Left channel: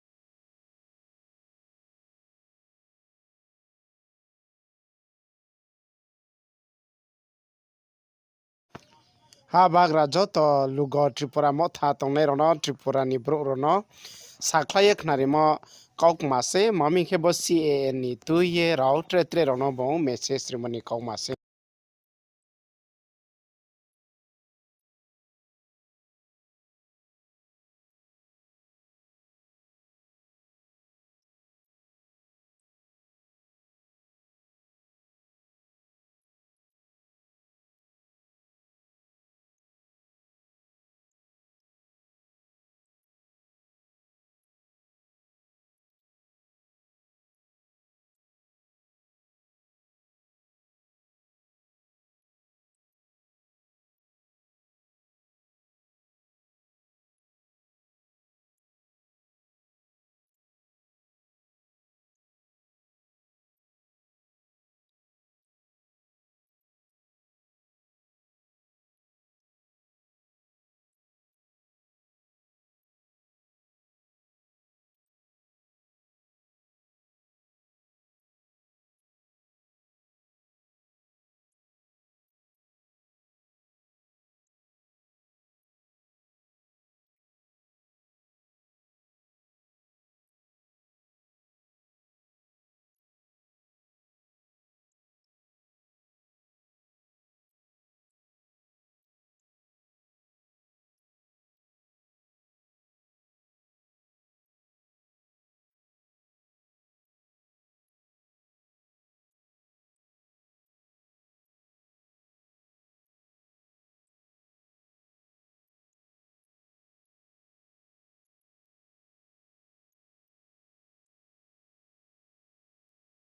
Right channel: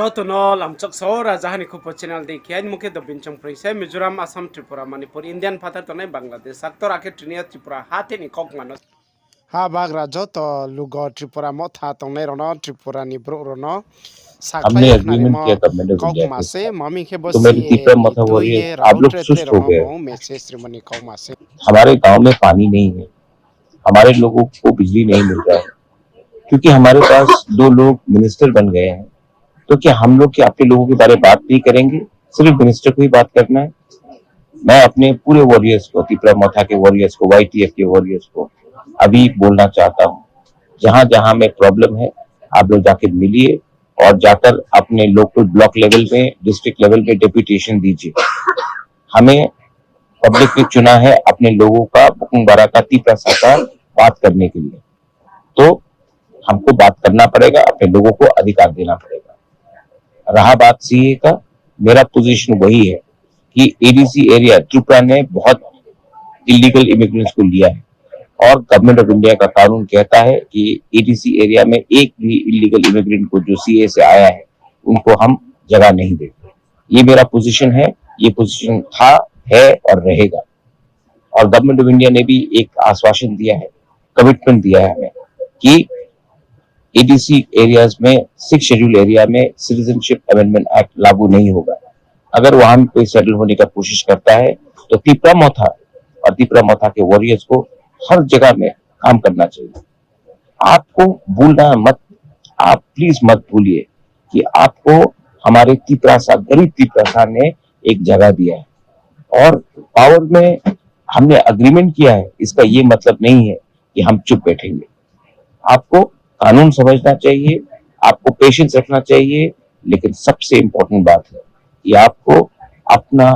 Jotunol am chok sora jahani khupo channel dekhian mukhe do binchong prisai Mizoram Assam Tripura Manipur Indian phatar tonai Bangladesh saktor akhe Trinia Tripura hate ni kok manos ha bagra joto lugo Tripura motha tongnai rono Tripura ni bro rono हमने saklai ekhnari agreement किया mo government of kok India के mase साथ। mami khe तो मेरी bosi तीसरा ni मथा हो रही है, tuye आप rao लोग tre tre सुस्त हो rono गए। bo message rimani kok mase हमारे गांव में पानी नहीं है, हमारे लोगों को बिजली नहीं मिल रहा है, क्योंकि हमारे पास 2 लोग मिनिस्टर बन गए हैं। तो क्या हम लोग क्या अपने लोगों के बारे में बात नहीं करेंगे? सिर्फ मिनिस्टर को ही बात करना है। मैं अपने पूरे वॉरियर्स को, त्रिपुरा मथा के वॉरियर्स को, वाईटीएफ के वॉरियर्स को अभी बोलना चाहता हूँ, जहां जहां में प्रॉब्लम है आप लोग जाके मिलिए और जाकर अपने लोकल ब्लॉक लेवल में, डिस्ट्रिक्ट लेवल में डेपुटेशन दीजिए। हमें पब्लिक ने चुना है अपने लोगों का बुकुंबारा का तीसरा साकार बात करने के लिए, तो हमको बात करना पड़ेगा, अपने लोगों को अधिकार देना पड़ेगा। रहा बात सीए का, मेरा पोजीशन वही है कि एडीसी एरिया त्रिपुरा ने बहुत इलीगल इमिग्रेंट्स को लिया है और गवर्नमेंट ऑफ इंडिया का कानून कहता है कि एडीसी एरिया में एक भी इलीगल इमिग्रेंट को जो सीए से आया है उनको हम जगह नहीं देते। ये मेरा पोजीशन है, ये पोजीशन था, है और रहेगा। और गवर्नमेंट ऑफ इंडिया ने भी एक आश्वासन दिया है, कमिटमेंट दिया है हमें कि एडीसी एरियाज में 6 शेड्यूल एरिया में सिटीजनशिप अमेंडमेंट एक्ट लागू नहीं होगा। अगर वहां कोई सेटल होने का कोशिश करता है तो त्रिपुरा मथा और त्रिपुरा मथा के वॉरियर्स को हर जगह में काम करना चाहिए। आपको भूलना मत, आप प्लीज मत भूलिए कि आपको हमारे त्रिपुरा गरीब त्रिपुरा ने एक जगह दिया है और पावर में हमने अग्रीमेंट किया है। इसका ये मतलब नहीं है कि हम चुप बैठेंगे। आपको कानून समझना चाहिए, आपको पेशेंस रखना चाहिए, लेकिन सबसे इंपॉर्टेंट बात है कि आपको अपना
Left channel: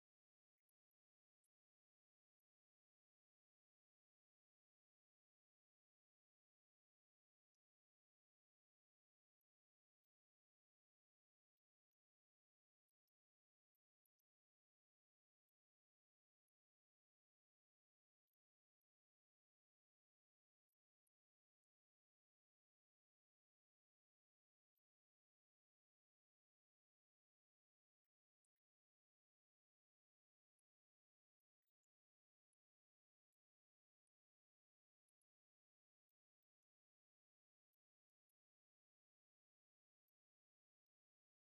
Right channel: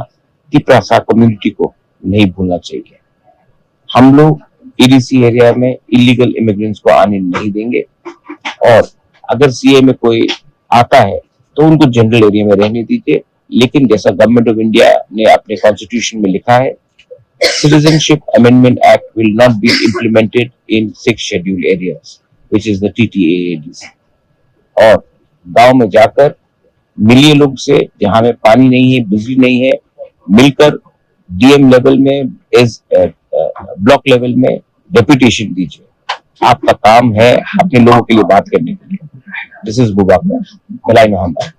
त्रिपुरा कम्युनिटी को नहीं भूलना चाहिए। हम लोग एडीसी एरिया में इलीगल इमिग्रेंट्स को आने नहीं देंगे और अगर सीए में कोई आता है तो उनको जनरल एरिया में रहने दीजिए, लेकिन जैसा गवर्नमेंट ऑफ इंडिया ने अपने कॉन्स्टिट्यूशन में लिखा है, Citizenship Amendment Act will not be implemented in 6 scheduled areas, which is the TTAADC। और गांव में जाकर मिलिए लोग से, जहां में पानी नहीं है, बिजली नहीं है, मिलकर डीएम लेवल में, एज ब्लॉक लेवल में डेपुटेशन दीजिए। आपका काम है अपने लोगों के लिए बात करने के लिए। दिस इज बुबा मलाई मोहम्मद।